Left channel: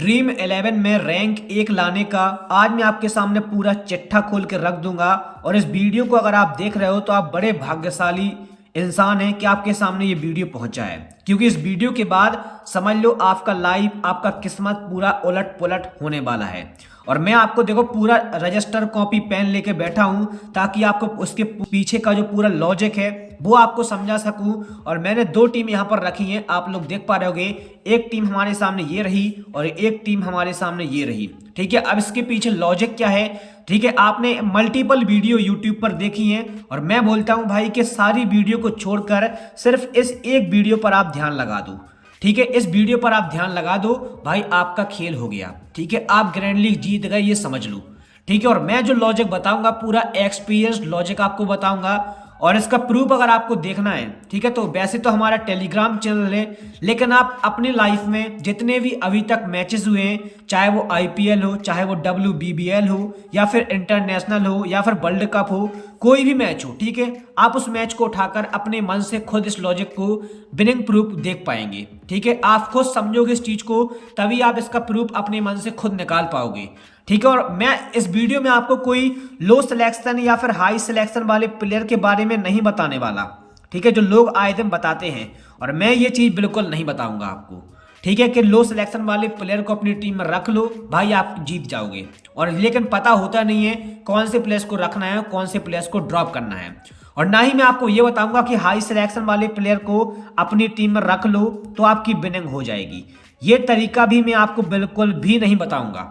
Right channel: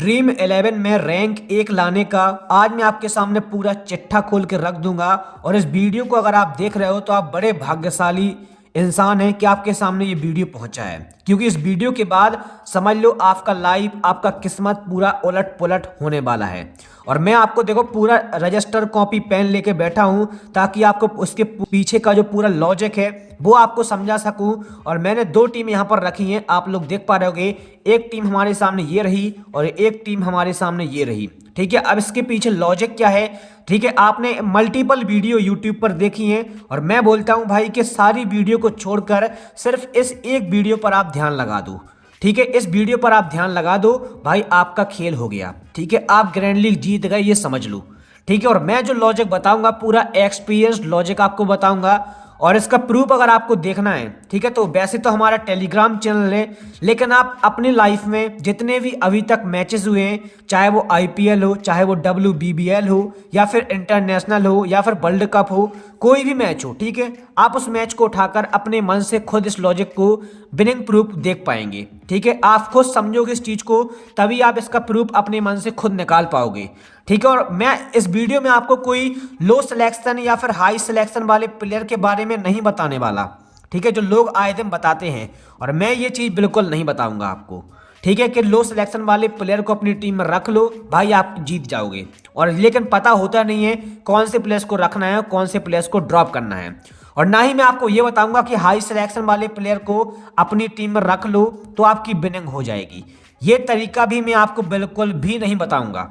Dream 11 में rank 1 लाने का आज मैं आपके सामने पूरा चिट्ठा खोल के रख दूंगा। और इस वीडियो को अगर आप देख रहे हो तो आप बड़े भाग्यशाली इंसान हैं कि आपके सामने ये वीडियो पहुंचा है, क्योंकि इस वीडियो के बाद समझ लो आपका लाइफ, आपका किस्मत पूरा उलट पुलट होने वाला है। और मैं आपको देखो पूरा रजिस्टर कॉपी पेन लेके बैठा हूं ताकि आपको उसके पीछे का जो पूरा लॉजिक है वो आपको समझा सकूं। और मैंने दो टीम यहां पर रखी हैं, आप लोग देख पा रहे होगे। एक टीम हमारे सामने ये रही और एक टीम हमारे सामने ये रही। ठीक है, अब इसके पीछे लॉजिक क्या है? ठीक है, आपने मल्टीपल वीडियो यूट्यूब पर देखी हैं और मैं बोलता हूं भाई कि सारी वीडियो को छोड़कर सिर्फ इस एक वीडियो पर आप ध्यान लगा दो। ठीक है, इस वीडियो पर आप ध्यान लगा दो भाई, आपका खेल हो गया। ठीक है, आप ग्रैंड लीग जीत गए, ये समझ लो। ठीक है, और मैं जो लॉजिक बताऊंगा पूरा एक्सपीरियंस लॉजिक आपको बताऊंगा और इसका प्रूफ अगर आपको देखना है। ठीक है, तो वैसे तो हमारा टेलीग्राम चैनल है, लेकिन आप अपनी लाइफ में जितने भी अभी तक मैचेस हुए हैं, चाहे वो आईपीएल हो, चाहे वो WBBL हो, या फिर इंटरनेशनल हो, या फिर वर्ल्ड कप हो, कोई भी मैच हो, ठीक है, आप उस मैच को उठाकर अपने मन से खुद इस लॉजिक को विनिंग प्रूफ देख पाएंगे। ठीक है, आप खुद समझोगे इस चीज को, तभी आप इसका प्रूफ अपने मन से खुद निकाल पाओगे। ठीक है, और मैं इस वीडियो में आपको कोई लो सिलेक्शन या फिर हाई सिलेक्शन वाले प्लेयर के बारे में नहीं बताने वाला। ठीक है, जो लोग आए दिन बताते हैं, और मैं ये चीज़ बिल्कुल नहीं बताऊंगा आपको। ठीक है, कि लो सिलेक्शन वाले प्लेयर को अपनी टीम में रख लो भाई, आप जीत जाओगे। और लेकिन पता होता नहीं है कौन से प्लेयर्स को रखना है, कौन से प्लेयर्स को ड्रॉप करना है। और ना ही मैं आपको ये बताऊंगा कि हाई सिलेक्शन वाले प्लेयर को अपनी टीम में रख लो तो आपकी विनिंग हो जाएगी। ये तरीका भी मैं आपको बिल्कुल भी नहीं बताऊंगा।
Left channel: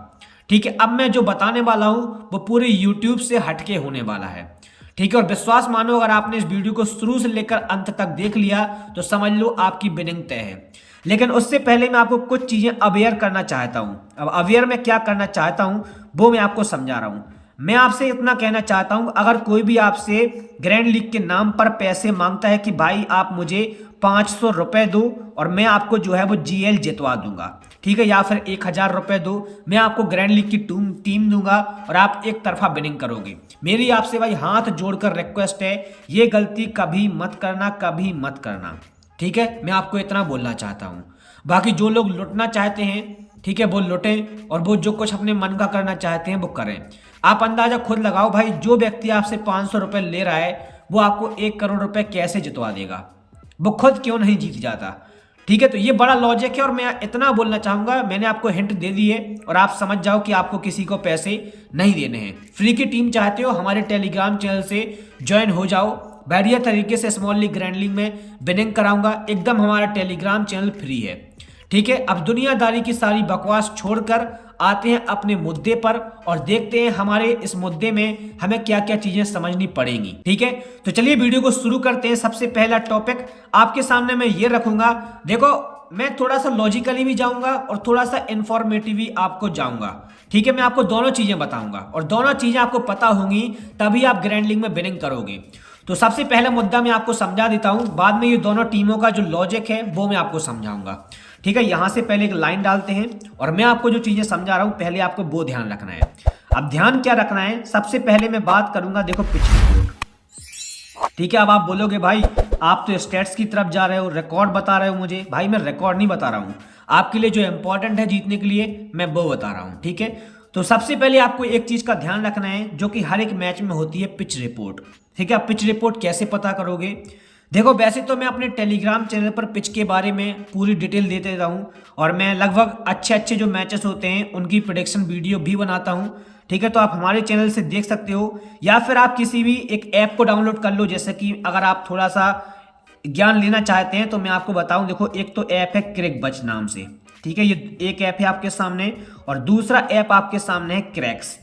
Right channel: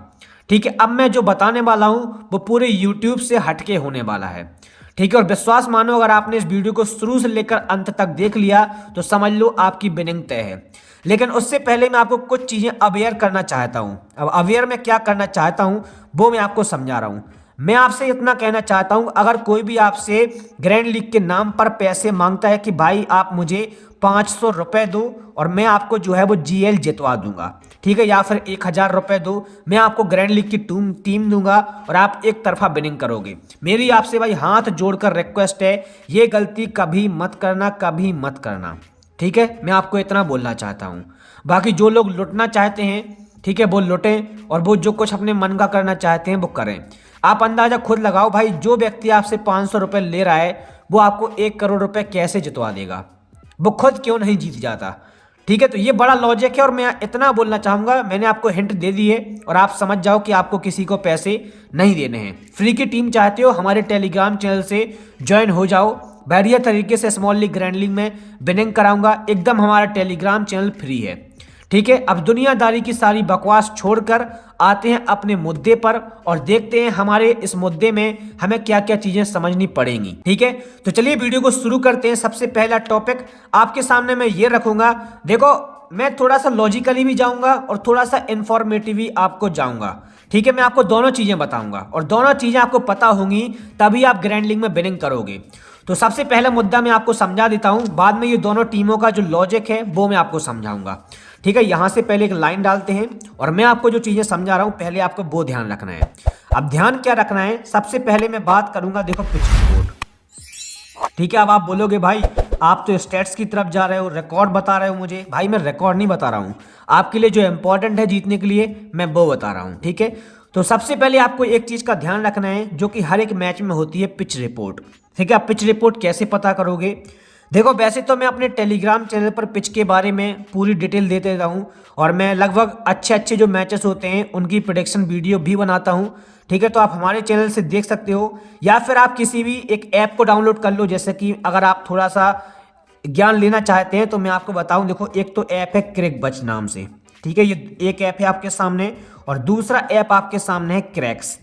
ठीक है, अब मैं जो बताने वाला हूं वो पूरे YouTube से हटके होने वाला है। ठीक है, और विश्वास मानो अगर आपने इस वीडियो को शुरू से लेकर अंत तक देख लिया तो समझ लो आपकी विनिंग तय है। लेकिन उससे पहले मैं आपको कुछ चीजें अवेयर करना चाहता हूं। अब अवेयर में क्या करना चाहता हूं वो मैं आपको समझा रहा हूं। मैं आपसे इतना कहना चाहता हूं, अगर कोई भी आपसे ग्रैंड लीग के नाम पर पैसे मांगता है कि भाई आप मुझे 500 रुपए दो और मैं आपको जो है वो GL जितवा दूंगा, ठीक है, या फिर 1000 रुपए दो, मैं आपको ग्रैंड लीग की टीम दूंगा और आप एक तरफा विनिंग करोगे, मेरी आपसे भाई हाथ जोड़कर रिक्वेस्ट है, ये गलती कभी मत करना, कभी मत करना। ठीक है, मैं आपको इतना बोलना चाहता हूँ। बाकी जो लोग लुटना चाहते हैं, ठीक है, वो लुटें, और वो जो कुछ अपने मन का करना चाहते हैं वो करें। आप अंदाजा खुद लगाओ भाई, जो व्यक्ति आपसे 500 रुपये ले रहा है वो आपको 1 करोड़ रुपए कैसे जितवा देगा? वो खुद क्यों नहीं जीत जाता? ठीक है, तो ये बड़ा लॉजिक है और मैं इतना बोलना चाहूंगा, मैंने आपको हिंट दे दी है और आप समझ जाओ कि आपको किसी को पैसे नहीं देने हैं। फ्री की टीम चाहते हो, हमारे टेलीग्राम चैनल से ज्वाइन हो जाओ। बढ़िया तरीके से स्मॉल लीग ग्रैंड लीग में विनिंग कराऊंगा, एकदम हमारा टेलीग्राम चैनल फ्री है। ठीक है, अब दुनियादारी की सारी बकवास छोड़कर आते हैं अपने मुद्दे पर और देखते हैं हमारे इस मुद्दे में हमें क्या क्या चीजें समझनी पड़ेंगी। ठीक है, तो चलिए वीडियो को शुरू करते हैं। सबसे पहला टॉपिक आपके सामने मैं ये रखूंगा। देखो, मैं थोड़ा सा लॉजिकली भी जाऊंगा और थोड़ा सा इंफॉर्मेटिव भी आपको जाऊंगा। ठीक है, मैं आपको दोनों चीजें बताऊंगा और दोनों चीजें आपको पता होंगी तभी आप ग्रैंड लीग में विनिंग करोगे। तो सबसे पहला मुद्दा मैं आपको समझा देता हूं, बाद में ये दोनों टीमों का जो लॉजिक है वो मैं आपको समझाऊंगा। ठीक है, यहां से पहले एक लाइन डालते हैं और मैं आपको जो चीजें समझा रहा हूं पहले आपको वो ध्यान रखना है। अब ध्यान क्या रखना है, सबसे पहले मैं बात करूंगा, देखो पिच। ठीक है, अब आप बोलोगे भाई आप तो स्टेट्स की तरफ जा रहे हो, रिकॉर्ड बता रहे हो मुझे। भाई मैं रिकॉर्ड नहीं बता रहा हूं, आपके लिए जो इंपॉर्टेंट है जीतने के लिए मैं वो बता रहा हूं। ठीक है, तो सबसे पहले आपको एक चीज का ध्यान रखना है जो कि हर एक मैच में होती है, पिच रिपोर्ट। ठीक है, आप पिच रिपोर्ट कैसे पता करोगे? देखो, वैसे तो मैं अपने टेलीग्राम चैनल पर पिच के बारे में पूरी डिटेल देते रहता हूँ और मैं लगभग अच्छे अच्छे जो मैचेस होते हैं उनकी प्रेडिक्शन वीडियो भी बनाता हूँ। ठीक है, तो आप हमारे चैनल से देख सकते हो या फिर आप किसी भी एक ऐप को डाउनलोड कर लो। जैसे कि अगर आप थोड़ा सा ज्ञान लेना चाहते हैं तो मैं आपको बताऊं, देखो एक तो ऐप है क्रिकबज़ नाम से। ठीक है, ये एक ऐप है आपके सामने और दूसरा ऐप आपके सामने है क्रैक्स।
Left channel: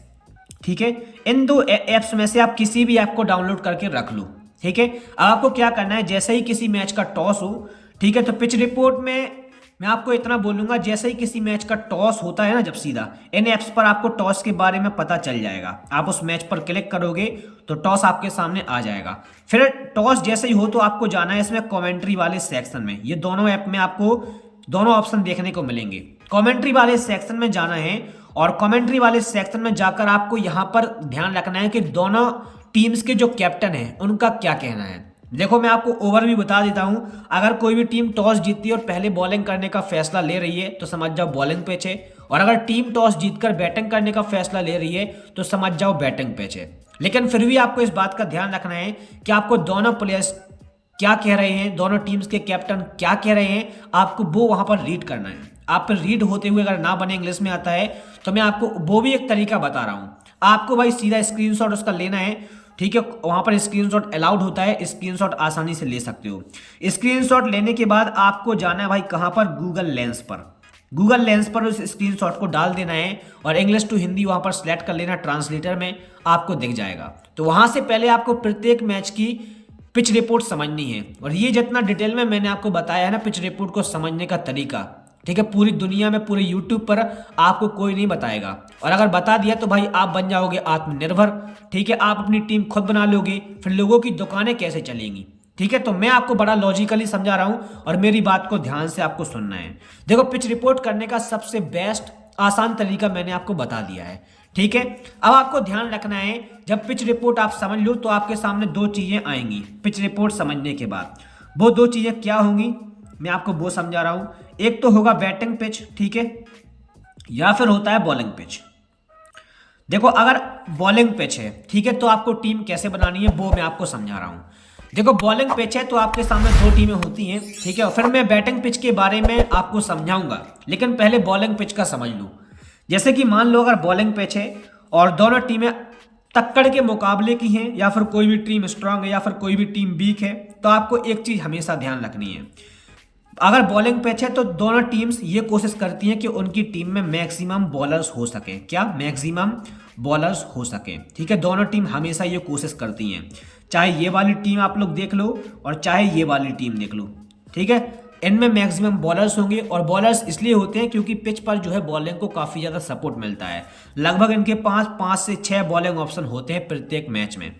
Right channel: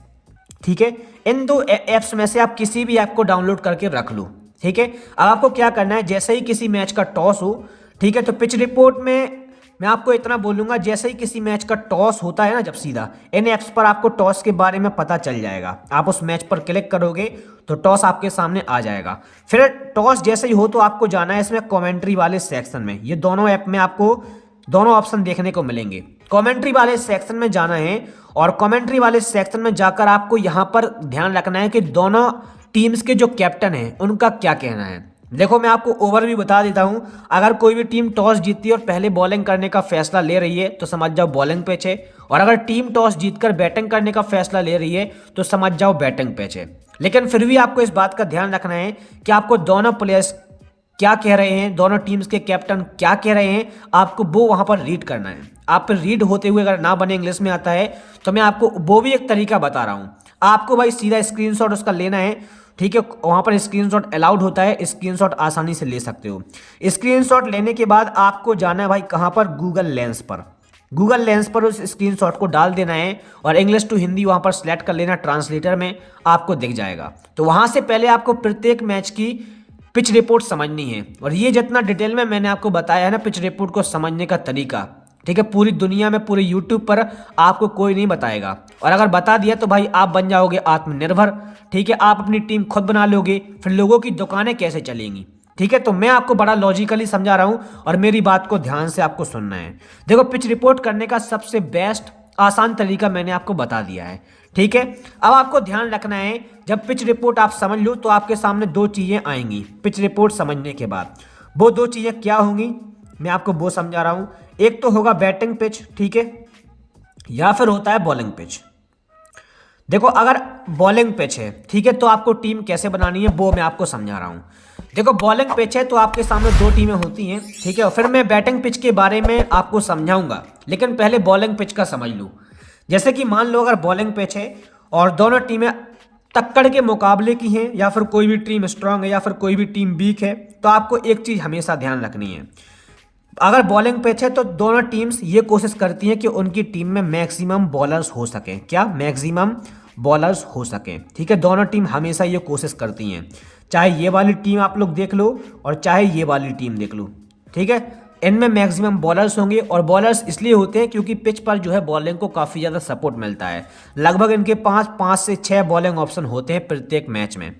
ठीक है, इन दो ऐप्स में से आप किसी भी ऐप को डाउनलोड करके रख लो। ठीक है, अब आपको क्या करना है, जैसे ही किसी मैच का टॉस हो, ठीक है, तो पिच रिपोर्ट में मैं आपको इतना बोलूंगा, जैसे ही किसी मैच का टॉस होता है ना, जब सीधा इन ऐप्स पर आपको टॉस के बारे में पता चल जाएगा। आप उस मैच पर क्लिक करोगे तो टॉस आपके सामने आ जाएगा। फिर टॉस जैसे ही हो तो आपको जाना है इसमें कमेंट्री वाले सेक्शन में। ये दोनों ऐप में आपको दोनों ऑप्शन देखने को मिलेंगे। कमेंट्री वाले सेक्शन में जाना है और कमेंट्री वाले सेक्शन में जाकर आपको यहाँ पर ध्यान रखना है कि दोनों टीम्स के जो कैप्टन हैं उनका क्या कहना है। देखो, मैं आपको ओवरव्यू बता देता हूं, अगर कोई भी टीम टॉस जीतती है और पहले बॉलिंग करने का फैसला ले रही है तो समझ जाओ बॉलिंग पिच है, और अगर टीम टॉस जीतकर बैटिंग करने का फैसला ले रही है तो समझ जाओ बैटिंग पिच है। लेकिन फिर भी आपको इस बात का ध्यान रखना है कि आपको दोनों प्लेयर्स क्या कह रहे हैं, दोनों टीम्स के कैप्टन क्या कह रहे हैं, आपको वो वहां पर रीड करना है। आप पर रीड होते हुए अगर ना बने, इंग्लिश में आता है, तो मैं आपको वो भी एक तरीका बता रहा हूँ। आपको भाई सीधा स्क्रीनशॉट उसका लेना है, ठीक है। वहां पर स्क्रीनशॉट अलाउड होता है, स्क्रीनशॉट आसानी से ले सकते हो। स्क्रीनशॉट लेने के बाद आपको जाना है भाई कहाँ पर, गूगल लेंस पर। गूगल लेंस पर उस स्क्रीनशॉट को डाल देना है और इंग्लिश टू हिंदी वहां पर सिलेक्ट कर लेना, ट्रांसलेटर में आपको दिख जाएगा। तो वहां से पहले आपको प्रत्येक मैच की पिच रिपोर्ट समझनी है। और ये जितना डिटेल में मैंने आपको बताया है ना पिच रिपोर्ट को समझने का तरीका, ठीक है, पूरी दुनिया में पूरे यूट्यूब पर आपको कोई नहीं बताएगा। और अगर बता दिया तो भाई आप बन जाओगे आत्मनिर्भर, ठीक है। आप अपनी टीम खुद बना लोगे, फिर लोगों की दुकानें कैसे चलेंगी, ठीक है। तो मैं आपको बड़ा लॉजिकली समझा रहा हूं और मेरी बात को ध्यान से आपको सुनना है। देखो, पिच रिपोर्ट करने का सबसे बेस्ट आसान तरीका मैंने आपको बता दिया है, ठीक है। अब आपको ध्यान रखना है, जब पिच रिपोर्ट आप समझ लो तो आपके सामने दो चीजें आएंगी पिच रिपोर्ट समझने के बाद। वो दो चीजें क्या होंगी, मैं आपको वो समझा रहा हूं। एक तो होगा बैटिंग पिच, ठीक है, या फिर होता है बॉलिंग पिच। देखो, अगर बॉलिंग पिच है, ठीक है, तो आपको टीम कैसे बनानी है वो मैं आपको समझा रहा हूं। देखो, बॉलिंग पिच है तो आपके सामने दो टीमें होती हैं, ठीक है, और फिर मैं बैटिंग पिच के बारे में आपको समझाऊंगा। लेकिन पहले बॉलिंग पिच का समझ लो। जैसे कि मान लो अगर बॉलिंग पिच है और दोनों टीमें टक्कर के मुकाबले की हैं, या फिर कोई भी टीम स्ट्रांग है या फिर कोई भी टीम वीक है, तो आपको एक चीज़ हमेशा ध्यान रखनी है। अगर बॉलिंग पिच है तो दोनों टीम्स ये कोशिश करती हैं कि उनकी टीम में मैक्सिमम बॉलर्स हो सकें। क्या? मैक्सिमम बॉलर्स हो सकें, ठीक है। दोनों टीम हमेशा ये कोशिश करती हैं, चाहे ये वाली टीम आप लोग देख लो और चाहे ये वाली टीम देख लो, ठीक है। इनमें मैक्सिमम बॉलर्स होंगे और बॉलर्स इसलिए होते हैं क्योंकि पिच पर जो है बॉलिंग को काफ़ी ज़्यादा सपोर्ट मिलता है। लगभग इनके पास 5 से 6 बॉलिंग ऑप्शन होते हैं प्रत्येक मैच में।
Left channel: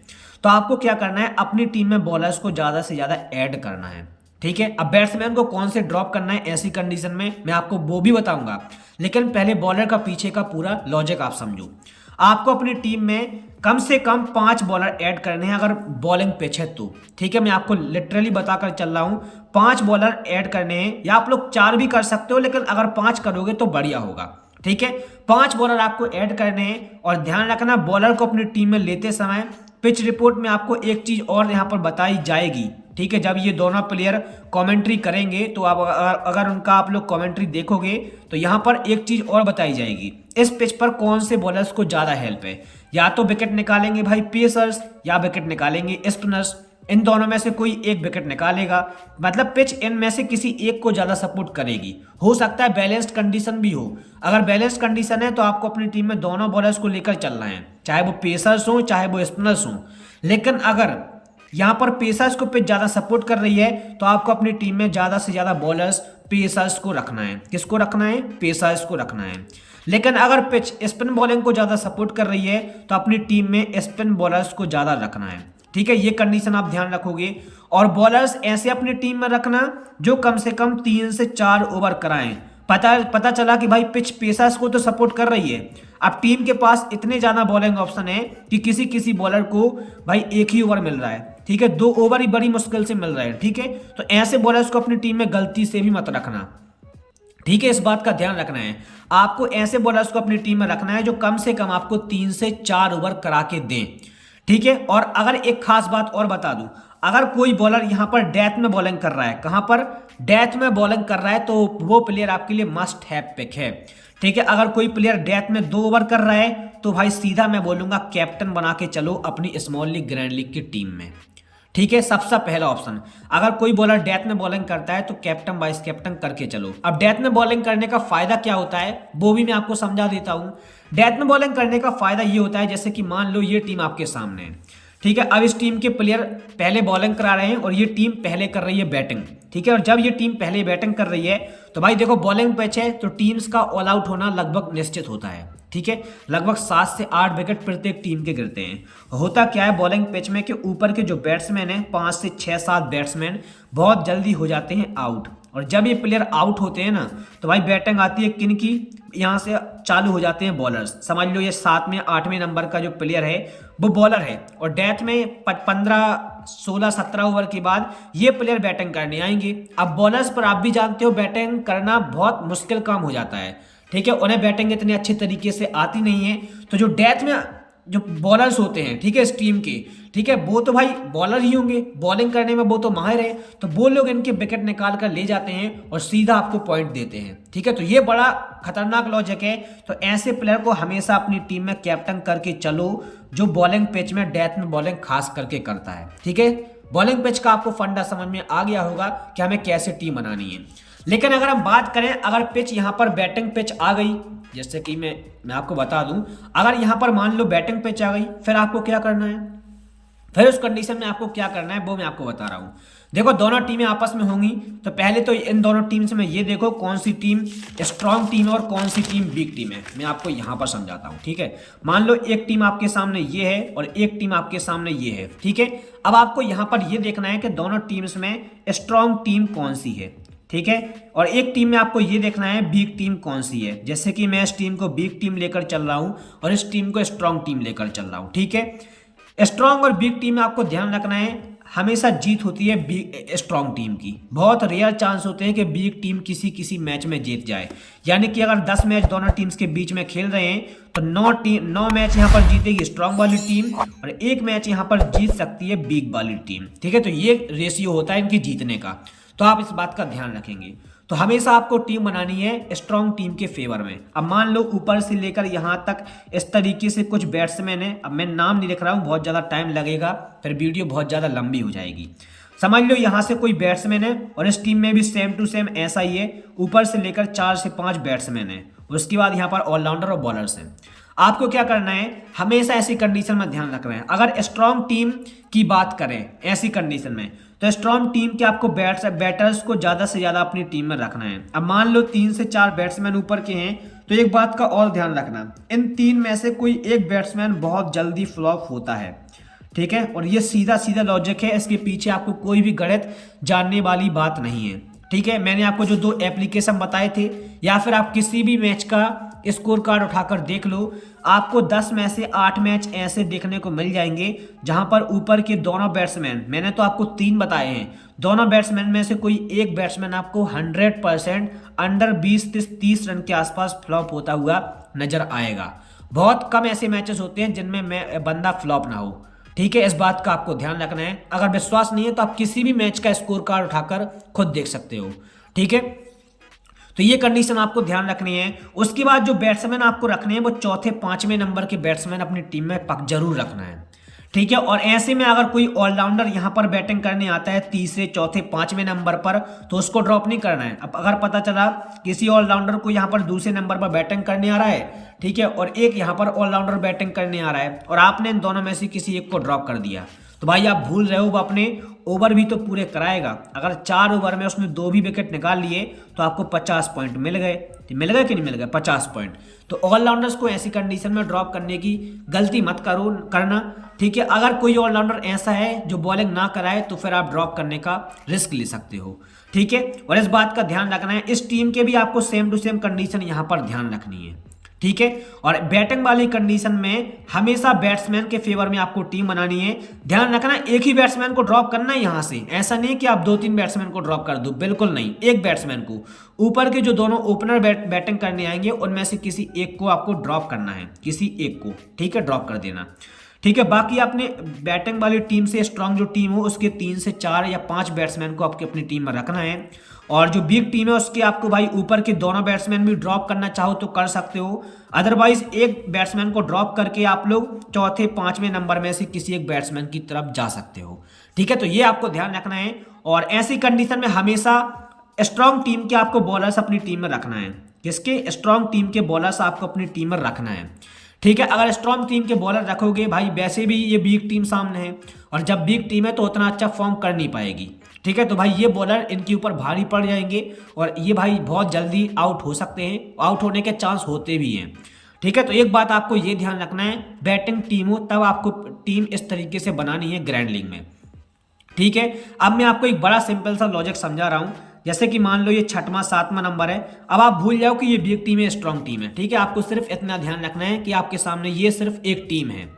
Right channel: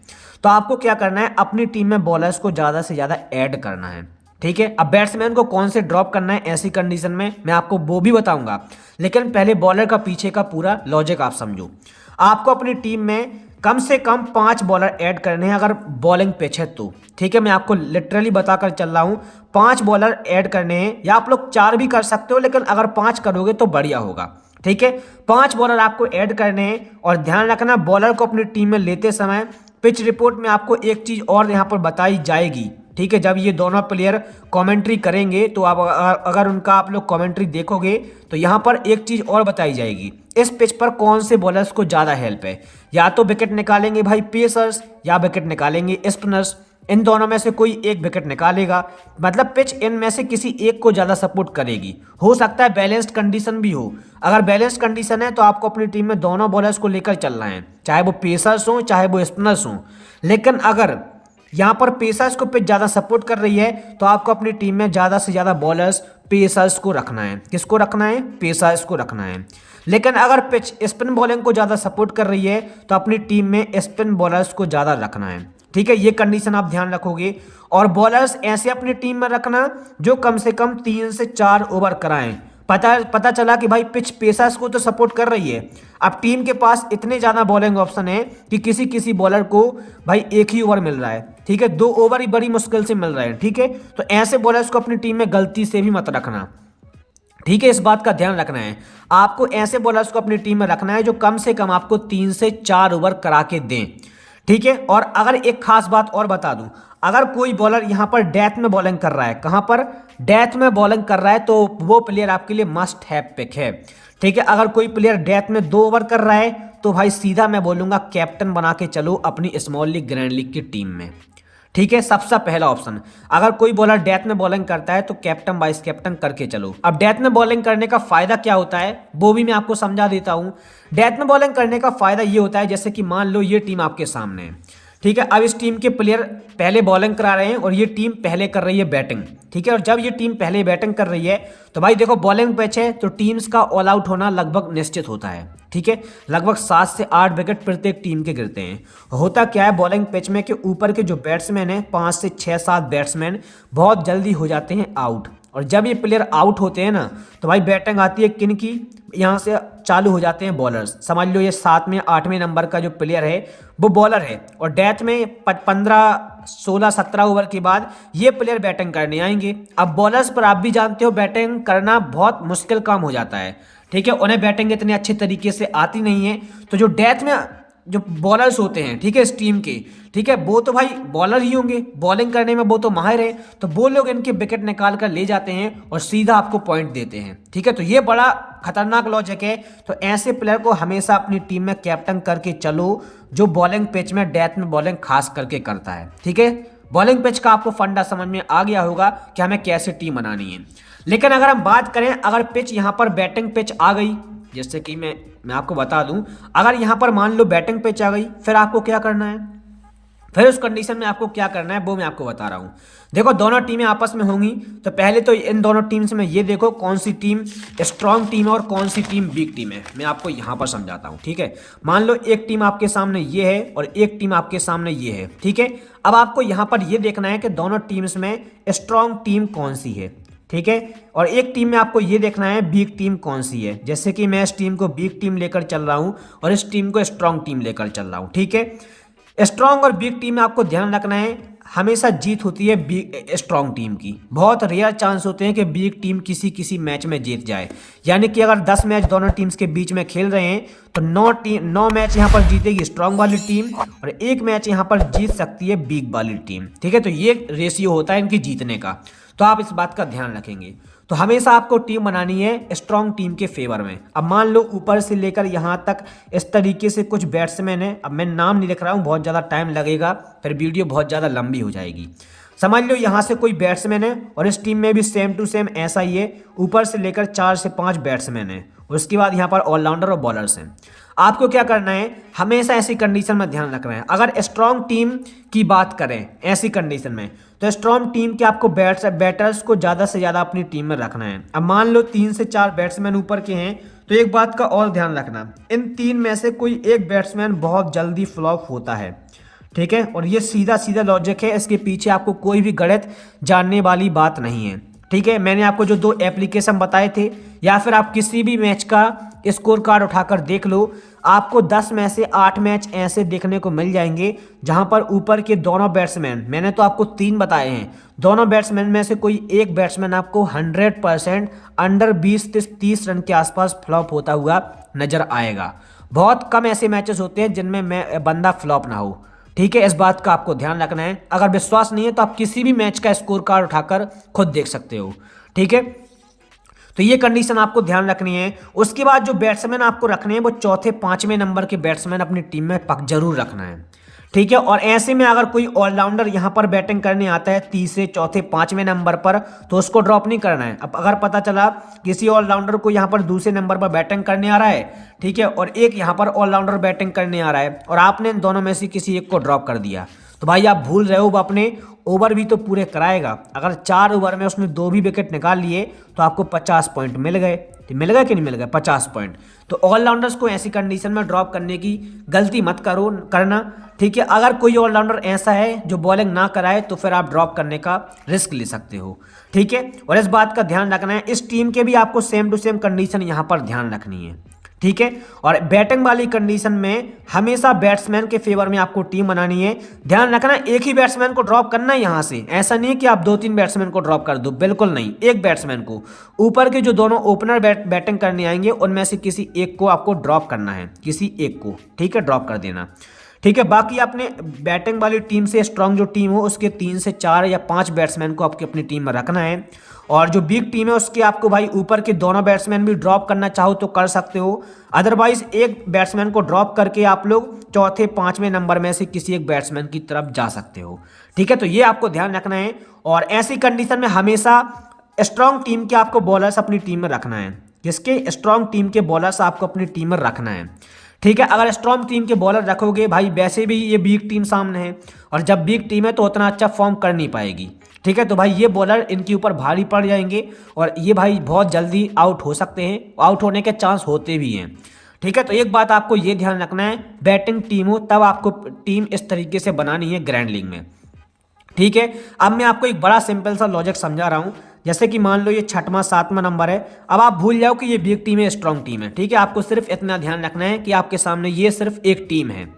तो आपको क्या करना है, अपनी टीम में बॉलर्स को ज़्यादा से ज़्यादा ऐड करना है, ठीक है। अब बैट्समैन को कौन से ड्रॉप करना है ऐसी कंडीशन में मैं आपको वो भी बताऊंगा, लेकिन पहले बॉलर का पीछे का पूरा लॉजिक आप समझो। आपको अपनी टीम में कम से कम 5 बॉलर ऐड करने हैं अगर बॉलिंग पिच है तो, ठीक है। मैं आपको लिटरली बताकर चल रहा हूं, 5 बॉलर ऐड करने हैं, या आप लोग 4 भी कर सकते हो, लेकिन अगर 5 करोगे तो बढ़िया होगा, ठीक है। 5 बॉलर आपको ऐड करने हैं। और ध्यान रखना, बॉलर को अपनी टीम में लेते समय पिच रिपोर्ट में आपको एक चीज़ और यहाँ पर बताई जाएगी, ठीक है। जब ये दोनों प्लेयर कमेंट्री करेंगे तो आप अगर उनका आप लोग कमेंट्री देखोगे तो यहाँ पर एक चीज़ और बताई जाएगी, इस पिच पर कौन से बॉलर्स को ज़्यादा हेल्प है। या तो विकेट निकालेंगे भाई पेसर्स, या विकेट निकालेंगे स्पिनर्स। इन दोनों में से कोई एक विकेट निकालेगा, मतलब पिच इनमें से किसी एक को ज़्यादा सपोर्ट करेगी। हो सकता है बैलेंस्ड कंडीशन भी हो। अगर बैलेंस्ड कंडीशन है तो आपको अपनी टीम में दोनों बॉलर्स को लेकर चलना है, चाहे वो पेसर्स हों चाहे वो स्पिनर्स हों। लेकिन अगर यहाँ पर पेसर्स को पिच ज़्यादा सपोर्ट कर रही है तो आपको अपनी टीम में ज़्यादा से ज़्यादा बॉलर्स पेसर्स को रखना है। किसको रखना है? पेसर्स को रखना है। लेकिन अगर पिच स्पिन बॉलिंग को ज़्यादा सपोर्ट कर रही है तो अपनी टीम में स्पिन बॉलर्स को ज़्यादा रखना है, ठीक है। ये कंडीशन आप ध्यान रखोगे। और बॉलर्स ऐसे अपनी टीम में रखना जो कम से कम 3 से 4 ओवर कराएं। पता चला कि भाई पिच पेसर्स को तो सपोर्ट कर रही है, अब टीम के पास इतने ज़्यादा बॉलिंग ऑप्शन है कि किसी किसी बॉलर को भाई एक ही ओवर मिल रहा है, ठीक है, 2 ओवर ही बड़ी मुश्किल से मिल रहा है, ठीक है। तो ऐसे बॉलर्स को अपनी टीम में गलती से भी मत रखना, ठीक है। इस बात का ध्यान रखना है, आपको ऐसे बॉलर्स को अपनी टीम में रखना है जो कम से कम आपको 3 से 4 ओवर करा के दें, ठीक है। और अगर एक खास बात और बता दूं, अगर कोई बॉलर यहाँ पर डेथ में बॉलिंग कर रहा है, कहाँ पर? डेथ में बॉलिंग कर रहा है, तो वो प्लेयर आपके लिए मस्ट हैव पिक है, ठीक है। अगर कोई प्लेयर डेथ में 2 ओवर कर रहा है तो भाई सीधा मैं बोलूँगा कैप्टन बना के चलो अपनी स्मॉल लीग ग्रैंड लीग की टीम में, ठीक है। सबसे पहला ऑप्शन, अगर कोई बॉलर डेथ में बॉलिंग करता है तो कैप्टन वाइस कैप्टन करके चलो। अब डेथ में बॉलिंग करने का फायदा क्या होता है वो भी मैं आपको समझा देता हूं। डेथ में बॉलिंग करने का फायदा ये होता है, जैसे कि मान लो ये टीम आपके सामने है, ठीक है। अब इस टीम के प्लेयर पहले बॉलिंग करा रहे हैं और ये टीम पहले कर रही है बैटिंग, ठीक है। और जब ये टीम पहले बैटिंग कर रही है तो भाई देखो, बॉलिंग पिच है तो टीम्स का ऑल आउट होना लगभग निश्चित होता है, ठीक है। लगभग 7 से 8 विकेट प्रत्येक टीम के गिरते हैं। होता क्या है बॉलिंग पिच में कि ऊपर के जो बैट्समैन हैं 5 से 6-7 बैट्समैन बहुत जल्दी हो जाते हैं आउट। और जब ये प्लेयर आउट होते हैं ना तो भाई बैटिंग आती है किन की? यहाँ से चालू हो जाते हैं बॉलर्स। समझ लो ये 7वें 8वें नंबर का जो प्लेयर है वो बॉलर है, और डेथ में 15 16 17 ओवर के बाद ये प्लेयर बैटिंग करने आएंगे। अब बॉलर्स पर आप भी जानते हो बैटिंग करना बहुत मुश्किल काम हो जाता है, ठीक है, उन्हें बैटिंग इतने अच्छे तरीके से आती नहीं है। तो जो डेथ में जो बॉलर्स होते हैं, ठीक है, इस टीम के, ठीक है, वो तो भाई बॉलर ही होंगे, बॉलिंग करने में वो तो माहिर है, तो वो लोग इनके विकेट निकाल कर ले जाते हैं और सीधा आपको पॉइंट देते हैं। ठीक है, तो ये बड़ा खतरनाक लॉजिक है। तो ऐसे प्लेयर को हमेशा अपनी टीम में कैप्टन करके चलो, जो बॉलिंग पिच में डेथ में बॉलिंग खास करके करता है। ठीक है, बॉलिंग पिच का आपको फंडा समझ में आ गया होगा कि हमें कैसे टीम बनानी है। लेकिन अगर हम बात करें, अगर पिच यहाँ पर बैटिंग पिच आ गई, जैसे कि मैं आपको बता दूं, अगर यहाँ पर मान लो बैटिंग पिच आ गई, फिर आपको क्या करना है, फिर उस कंडीशन में आपको क्या करना है वो मैं आपको बता रहा हूँ। देखो, दोनों टीमें आपस में होंगी, तो पहले तो इन दोनों टीम्स में ये देखो कौन सी टीम स्ट्रांग टीम है और कौन सी टीम वीक टीम है। मैं आपको यहाँ पर समझाता हूँ। ठीक है, मान लो एक टीम आपके सामने ये है और एक टीम आपके सामने ये है। ठीक है, अब आपको यहाँ पर ये देखना है कि दोनों टीम्स में स्ट्रांग टीम कौन सी है। ठीक है, और एक टीम में आपको ये देखना है वीक टीम कौन सी है। जैसे कि मैं इस टीम को वीक टीम लेकर चल रहा हूँ और इस टीम को स्ट्रांग टीम लेकर चल रहा हूँ। ठीक है, स्ट्रांग और वीक टीम में आपको ध्यान रखना है, हमेशा जीत होती है स्ट्रांग टीम की। बहुत रेयर चांस होते हैं कि वीक टीम किसी किसी मैच में जीत जाए। यानी कि अगर 10 मैच दोनों टीम्स के बीच में खेल रहे हैं तो 9 मैच यहाँ पर जीतेगी स्ट्रांग वाली टीम और 1 मैच यहाँ पर जीत सकती है वीक वाली टीम। ठीक है, तो ये रेशियो होता है इनकी जीतने का, तो आप इस बात का ध्यान रखेंगे। तो हमेशा आपको टीम बनानी है स्ट्रांग टीम के फेवर में। अब मान लो ऊपर से लेकर यहाँ तक इस तरीके से कुछ बैट्समैन हैं। अब मैं नाम नहीं लिख रहा हूँ, बहुत ज़्यादा टाइम लगेगा, फिर वीडियो बहुत ज़्यादा लंबी हो जाएगी। समझ लो यहाँ से कोई बैट्समैन है और इस टीम में भी सेम टू सेम ऐसा ही है, ऊपर से लेकर 4 से 5 बैट्समैन हैं। उसके बाद यहाँ पर ऑलराउंडर और बॉलर्स हैं। आपको क्या करना है, हमेशा ऐसी कंडीशन में ध्यान रखना है। अगर स्ट्रांग टीम की बात करें ऐसी कंडीशन में, तो स्ट्रांग टीम के आपको बैटर्स को ज़्यादा से ज़्यादा अपनी टीम में रखना है। अब मान लो 3 से 4 बैट्समैन ऊपर के हैं, तो एक बात का और ध्यान रखना, इन 3 में से कोई एक बैट्समैन बहुत जल्दी फ्लॉप होता है। ठीक है, और ये सीधा सीधा लॉजिक है, इसके पीछे आपको कोई भी गणित जानने वाली बात नहीं है। ठीक है, मैंने आपको जो 2 एप्लीकेशन बताए थे, या फिर आप किसी भी मैच का स्कोर कार्ड उठाकर देख लो, आपको 10 में से 8 मैच ऐसे देखने को मिल जाएंगे जहां पर ऊपर के दोनों बैट्समैन, मैंने तो आपको 3 बताए हैं, दोनों बैट्समैन में से कोई एक बैट्समैन आपको 100% अंडर 20 से 30 रन के आसपास फ्लॉप होता हुआ नजर आएगा। बहुत कम ऐसे मैचेस होते हैं जिनमें बंदा फ्लॉप ना हो। ठीक है, इस बात का आपको ध्यान रखना है। अगर विश्वास नहीं है तो आप किसी भी मैच का स्कोर कार्ड उठाकर खुद देख सकते हो। ठीक है, तो ये कंडीशन आपको ध्यान रखनी है। उसके बाद जो बैट्समैन आपको रखने हैं वो चौथे 5वें नंबर के बैट्समैन अपनी टीम में पक जरूर रखना है। ठीक है, और ऐसे में अगर कोई ऑलराउंडर यहाँ पर बैटिंग करने आता है तीसरे चौथे 5वें नंबर पर, तो उसको ड्रॉप नहीं करना है। अब अगर पता चला किसी ऑलराउंडर को यहाँ पर दूसरे नंबर पर बैटिंग करने आ रहा है, ठीक है, और एक यहाँ पर ऑलराउंडर बैटिंग करने आ रहा है और आपने इन दोनों में से किसी एक को ड्रॉप कर दिया, तो भाई आप भूल रहे हो, वो अपने ओवर भी तो पूरे कराएगा। अगर 4 ओवर में उसने 2 भी विकेट निकाल लिए तो आपको 50 पॉइंट मिल गए। तो मिल गए कि नहीं मिल गए? 50 पॉइंट। तो ऑलराउंडर्स को ऐसी कंडीशन में ड्रॉप करने की गलती मत करना। ठीक है, अगर कोई ऑलराउंडर ऐसा है जो बॉलिंग ना कराए तो फिर आप ड्रॉप करने का रिस्क ले सकते हो। ठीक है, और इस बात का ध्यान रखना है, इस टीम के भी आपको सेम टू सेम कंडीशन यहाँ पर ध्यान रखनी है। ठीक है, और बैटिंग वाली कंडीशन में हमेशा बैट्समैन के फेवर में आपको टीम बनानी है। ध्यान रखना, एक ही बैट्समैन को ड्रॉप करना है यहाँ से, ऐसा नहीं है कि आप 2-3 बैट्समैन को ड्रॉप कर दो, बिल्कुल नहीं। एक बैट्समैन को, ऊपर के जो दोनों ओपनर बैटिंग करने आएंगे उनमें से किसी एक को आपको ड्रॉप करना है, किसी एक को। ठीक है, ड्रॉप कर देना। ठीक है, बाकी आपने बैटिंग वाली टीम से स्ट्रांग जो टीम हो उसके 3 से 4 या 5 बैट्समैन को आपकी अपनी टीम में रखना है। और जो वीक टीम है उसके आपको भाई ऊपर के दोनों बैट्समैन भी ड्रॉप करना चाहो तो कर सकते हो, अदरवाइज एक बैट्समैन को ड्रॉप करके आप लोग चौथे 5वें नंबर में से किसी एक बैट्समैन की तरफ जा सकते हो। ठीक है, तो ये आपको ध्यान रखना है। और ऐसी कंडीशन में हमेशा स्ट्रांग टीम के आपको बॉलर्स अपनी टीम में रखना है। किसके? स्ट्रांग टीम के बॉलर्स आपको अपनी टीम में रखना है। ठीक है, अगर स्ट्रांग टीम के बॉलर रखोगे भाई, वैसे भी ये वीक टीम सामने है और जब वीक टीम है तो उतना अच्छा फॉर्म कर नहीं पाएगी। ठीक है, तो भाई ये बॉलर इनके ऊपर भारी पड़ जाएंगे और ये भाई बहुत जल्दी आउट हो सकते हैं, आउट होने के चांस होते भी हैं। ठीक है, तो एक बात आपको ये ध्यान रखना है, बैटिंग टीम हो तब आपको टीम इस तरीके से बनानी है ग्रैंड लीग में। ठीक है, अब मैं आपको एक बड़ा सिंपल सा लॉजिक समझा रहा हूँ। जैसे कि मान लो ये 6वां 7वां नंबर है, अब आप भूल जाओ कि ये वीक टीम है स्ट्रांग टीम है। ठीक है, आपको सिर्फ इतना ध्यान रखना है कि आपके सामने ये सिर्फ एक टीम है।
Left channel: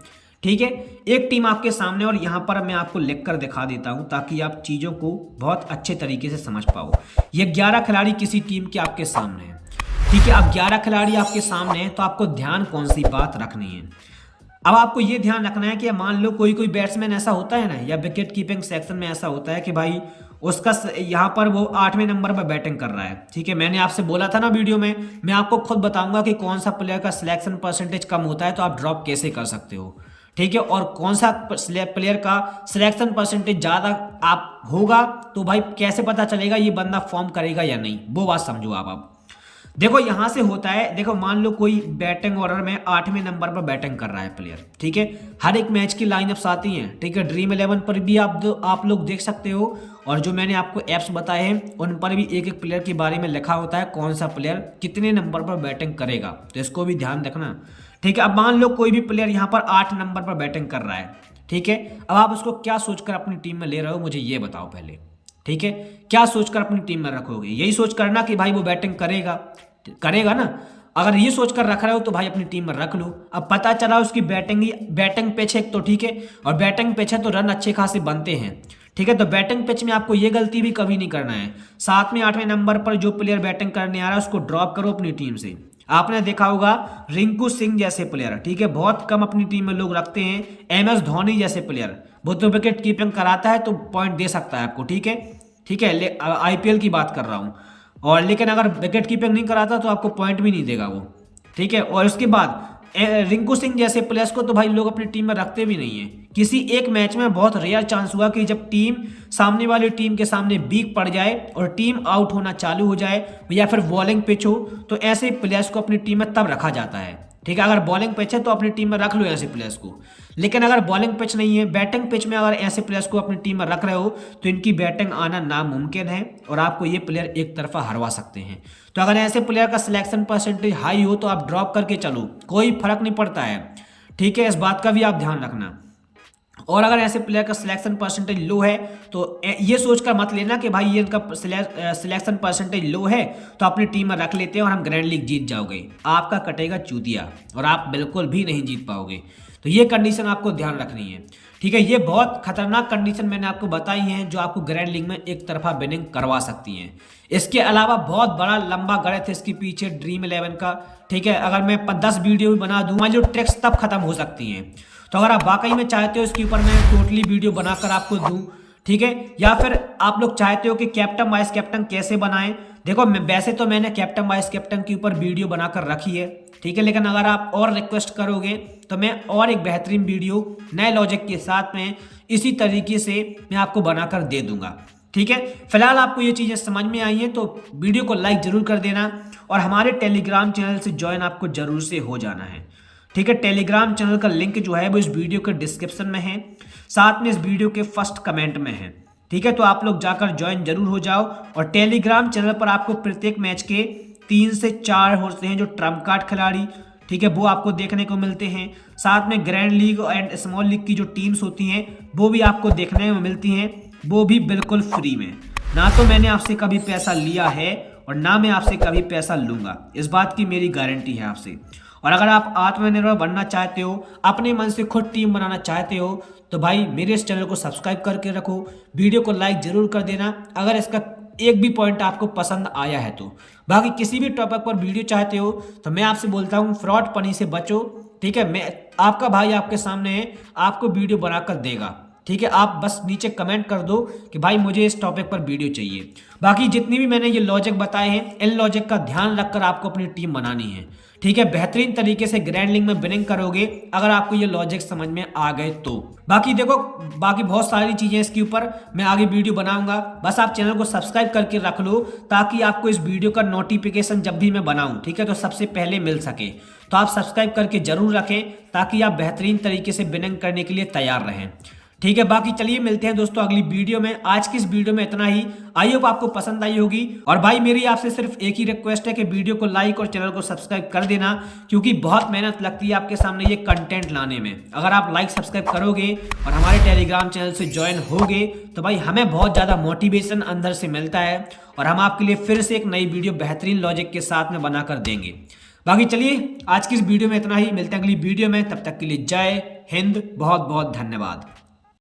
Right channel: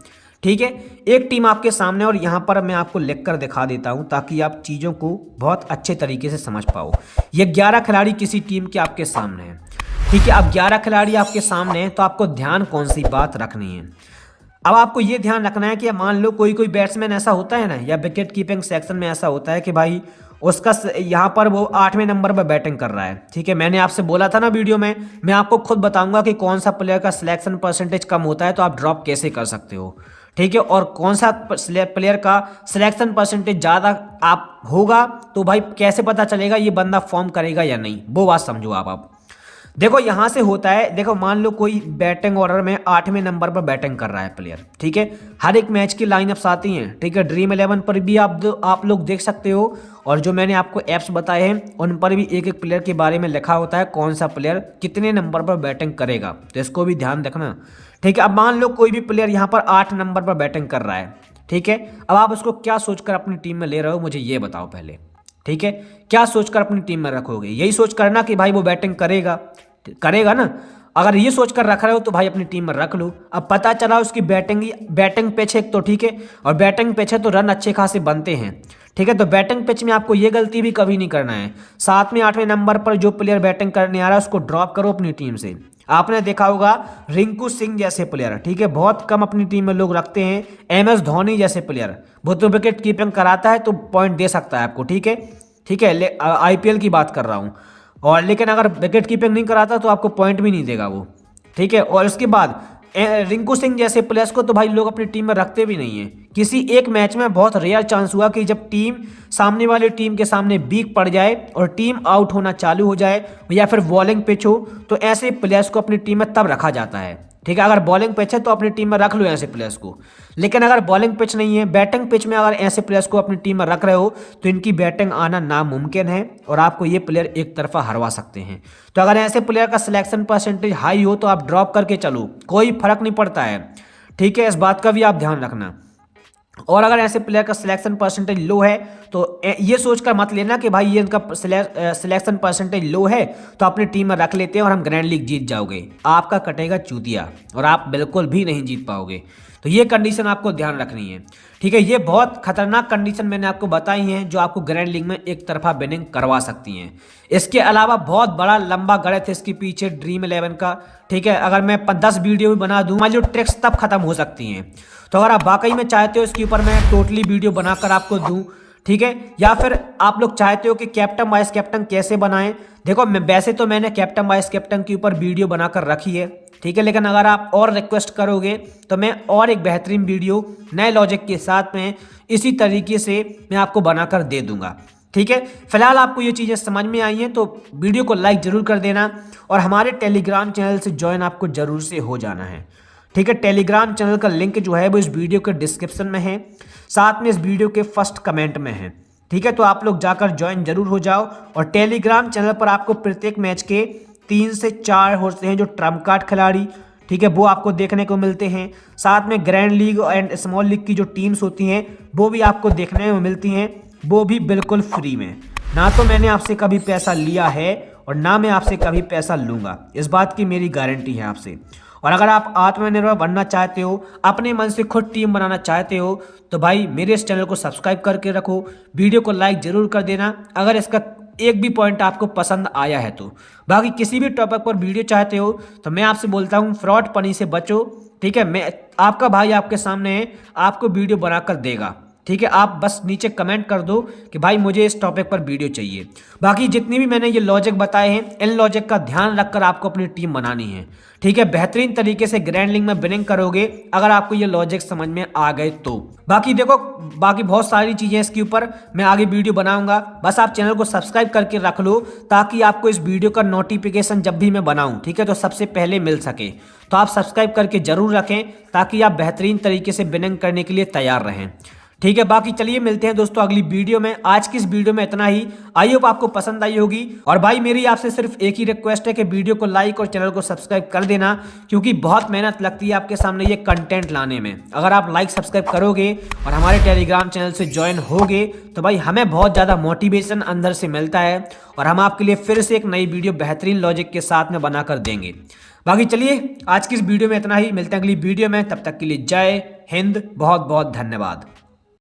ठीक है, एक टीम आपके सामने, और यहाँ पर मैं आपको लिख कर दिखा देता हूँ ताकि आप चीज़ों को बहुत अच्छे तरीके से समझ पाओ। ये 11 खिलाड़ी किसी टीम के आपके सामने हैं। ठीक है, अब 11 खिलाड़ी आपके सामने हैं, तो आपको ध्यान कौन सी बात रखनी है। अब आपको ये ध्यान रखना है कि मान लो कोई कोई बैट्समैन ऐसा होता है ना, या विकेट कीपिंग सेक्शन में ऐसा होता है कि भाई उसका यहाँ पर वो 8वें नंबर पर बैटिंग कर रहा है। ठीक है, मैंने आपसे बोला था ना वीडियो में, मैं आपको खुद बताऊंगा कि कौन सा प्लेयर का सिलेक्शन परसेंटेज कम होता है तो आप ड्रॉप कैसे कर सकते हो। ठीक है, और कौन सा प्लेयर का सिलेक्शन परसेंटेज ज़्यादा आप होगा तो भाई कैसे पता चलेगा ये बंदा फॉर्म करेगा या नहीं, वो बात समझो आप। देखो यहाँ से होता है, देखो मान लो कोई बैटिंग ऑर्डर में 8वें नंबर पर बैटिंग कर रहा है प्लेयर। ठीक है, हर एक मैच की लाइनअप्स आती हैं। ठीक है, ड्रीम 11 पर भी आप लोग देख सकते हो, और जो मैंने आपको ऐप्स बताए हैं उन पर भी एक एक प्लेयर के बारे में लिखा होता है कौन सा प्लेयर कितने नंबर पर बैटिंग करेगा, तो इसको भी ध्यान रखना। ठीक है, अब मान लो कोई भी प्लेयर यहाँ पर 8 नंबर पर बैटिंग कर रहा है। ठीक है, अब आप उसको क्या सोचकर अपनी टीम में ले रहे हो मुझे ये बताओ पहले। ठीक है, क्या सोचकर अपनी टीम में रखोगे, यही सोच करना कि भाई वो बैटिंग करेगा ना। अगर ये सोचकर रख रहे हो तो भाई अपनी टीम में रख लो। अब पता चला उसकी बैटिंग पिच है तो ठीक है, और बैटिंग पिच है तो रन अच्छे खासे बनते हैं। ठीक है, तो बैटिंग पिच में आपको ये गलती भी कभी नहीं करना है। 7वें 8वें नंबर पर जो प्लेयर बैटिंग करने आ रहा है उसको ड्रॉप करो अपनी टीम से। आपने देखा होगा रिंकू सिंह जैसे प्लेयर, ठीक है, बहुत कम अपनी टीम में लोग रखते हैं। MS धोनी जैसे प्लेयर, वो तो विकेट कीपिंग कराता है तो पॉइंट दे सकता है आपको। ठीक है, ठीक है, IPL की बात कर रहा हूँ, और लेकिन अगर विकेट कीपिंग नहीं कराता तो आपको पॉइंट भी नहीं देगा वो। ठीक है, और उसके बाद रिंकू सिंह जैसे प्लेयर्स को तो भाई लोग अपनी टीम में रखते भी नहीं है। किसी एक मैच में बहुत रेयर चांस हुआ कि जब टीम सामने वाली टीम के सामने वीक पड़ जाए और टीम आउट होना चालू हो जाए, या फिर बॉलिंग पिच हो, तो ऐसे प्लेयर्स को अपनी टीम में तब रखा जाता है। ठीक है, अगर बॉलिंग पिच है तो अपनी टीम में रख लो ऐसे प्लेयर्स को, लेकिन अगर बॉलिंग पिच नहीं है, बैटिंग पिच में अगर ऐसे प्लेयर्स को अपनी टीम में रख रहे हो तो इनकी बैटिंग आना नामुमकिन है और आपको ये प्लेयर एक तरफा हरवा सकते हैं। तो अगर ऐसे प्लेयर का सिलेक्शन परसेंटेज हाई हो तो आप ड्रॉप करके चलो, कोई फर्क नहीं पड़ता है। ठीक है, इस बात का भी आप ध्यान रखना। और अगर ऐसे प्लेयर का सिलेक्शन परसेंटेज लो है तो ये सोचकर मत लेना कि भाई ये इनका सिलेक्शन परसेंटेज लो है तो अपनी टीम में रख लेते हैं और हम ग्रैंड लीग जीत जाओगे। आपका कटेगा चूतिया और आप बिल्कुल भी नहीं जीत पाओगे। तो ये कंडीशन आपको ध्यान रखनी है। ठीक है, ये बहुत खतरनाक कंडीशन मैंने आपको बताई हैं जो आपको ग्रैंड लीग में एक तरफा विनिंग करवा सकती हैं। इसके अलावा बहुत बड़ा लंबा गणित है इसके पीछे ड्रीम 11 का। ठीक है, अगर मैं 10 वीडियो भी बना दूँ, हमारी जो ट्रिक्स तब खत्म हो सकती हैं। तो अगर आप वाकई में चाहते हो इसके ऊपर मैं टोटली वीडियो बनाकर आपको दूं, ठीक है, या फिर आप लोग चाहते हो कि कैप्टन वाइस कैप्टन कैसे बनाएं, देखो वैसे तो मैंने कैप्टन वाइस कैप्टन के ऊपर वीडियो बनाकर रखी है। ठीक है, लेकिन अगर आप और रिक्वेस्ट करोगे तो मैं और एक बेहतरीन वीडियो नए लॉजिक के साथ में इसी तरीके से मैं आपको बनाकर दे दूंगा। ठीक है, फिलहाल आपको ये चीज़ें समझ में आई हैं तो वीडियो को लाइक ज़रूर कर देना और हमारे टेलीग्राम चैनल से ज्वाइन आपको ज़रूर से हो जाना है। ठीक है, टेलीग्राम चैनल का लिंक जो है वो इस वीडियो के डिस्क्रिप्शन में है, साथ में इस वीडियो के फर्स्ट कमेंट में है। ठीक है, तो आप लोग जाकर ज्वाइन जरूर हो जाओ। और टेलीग्राम चैनल पर आपको प्रत्येक मैच के 3 से 4 होते हैं जो ट्रम्प कार्ड खिलाड़ी, ठीक है, वो आपको देखने को मिलते हैं। साथ में grand league and small league की जो टीम्स होती हैं वो भी आपको देखने में मिलती हैं, वो भी बिल्कुल फ्री में। ना तो मैंने आपसे कभी पैसा लिया है और ना मैं आपसे कभी पैसा लूँगा, इस बात की मेरी गारंटी है आपसे। और अगर आप आत्मनिर्भर बनना चाहते हो, अपने मन से खुद टीम बनाना चाहते हो, तो भाई मेरे इस चैनल को सब्सक्राइब करके रखो, वीडियो को लाइक ज़रूर कर देना अगर इसका एक भी पॉइंट आपको पसंद आया है तो। बाकी किसी भी टॉपिक पर वीडियो चाहते हो तो मैं आपसे बोलता हूँ फ्रॉड पनी से बचो। ठीक है, मैं आपका भाई आपके सामने है, आपको वीडियो बनाकर देगा। ठीक है, आप बस नीचे कमेंट कर दो कि भाई मुझे इस टॉपिक पर वीडियो चाहिए। बाकी जितनी भी मैंने ये लॉजिक बताए हैं, इन लॉजिक का ध्यान रखकर आपको अपनी टीम बनानी है। ठीक है, बेहतरीन तरीके से ग्रैंड लीग में विनिंग करोगे अगर आपको ये लॉजिक समझ में आ गए तो। बाकी देखो, बाकी बहुत सारी चीज़ें इसके ऊपर मैं आगे वीडियो बनाऊंगा, बस आप चैनल को सब्सक्राइब करके रख लो ताकि आपको इस वीडियो का नोटिफिकेशन जब भी मैं बनाऊं, ठीक है, तो सबसे पहले मिल सके। तो आप सब्सक्राइब करके जरूर रखें ताकि आप बेहतरीन तरीके से विनिंग करने के लिए तैयार रहें। ठीक है, बाकी चलिए मिलते हैं दोस्तों अगली वीडियो में। आज की इस वीडियो में इतना ही, आई होप आपको पसंद आई होगी। और भाई मेरी आपसे सिर्फ एक ही रिक्वेस्ट है कि वीडियो को लाइक और चैनल को सब्सक्राइब कर देना, क्योंकि बहुत मेहनत लगती है आपके सामने ये कंटेंट लाने में। अगर आप लाइक सब्सक्राइब करोगे और हमारे टेलीग्राम चैनल से ज्वाइन होगे तो भाई हमें बहुत ज़्यादा मोटिवेशन अंदर से मिलता है और हम आपके लिए फिर से एक नई वीडियो बेहतरीन लॉजिक के साथ में बनाकर देंगे। बाकी चलिए आज की इस वीडियो में इतना ही, मिलते हैं अगली वीडियो में, तब तक के लिए जय हिंद, बहुत बहुत धन्यवाद।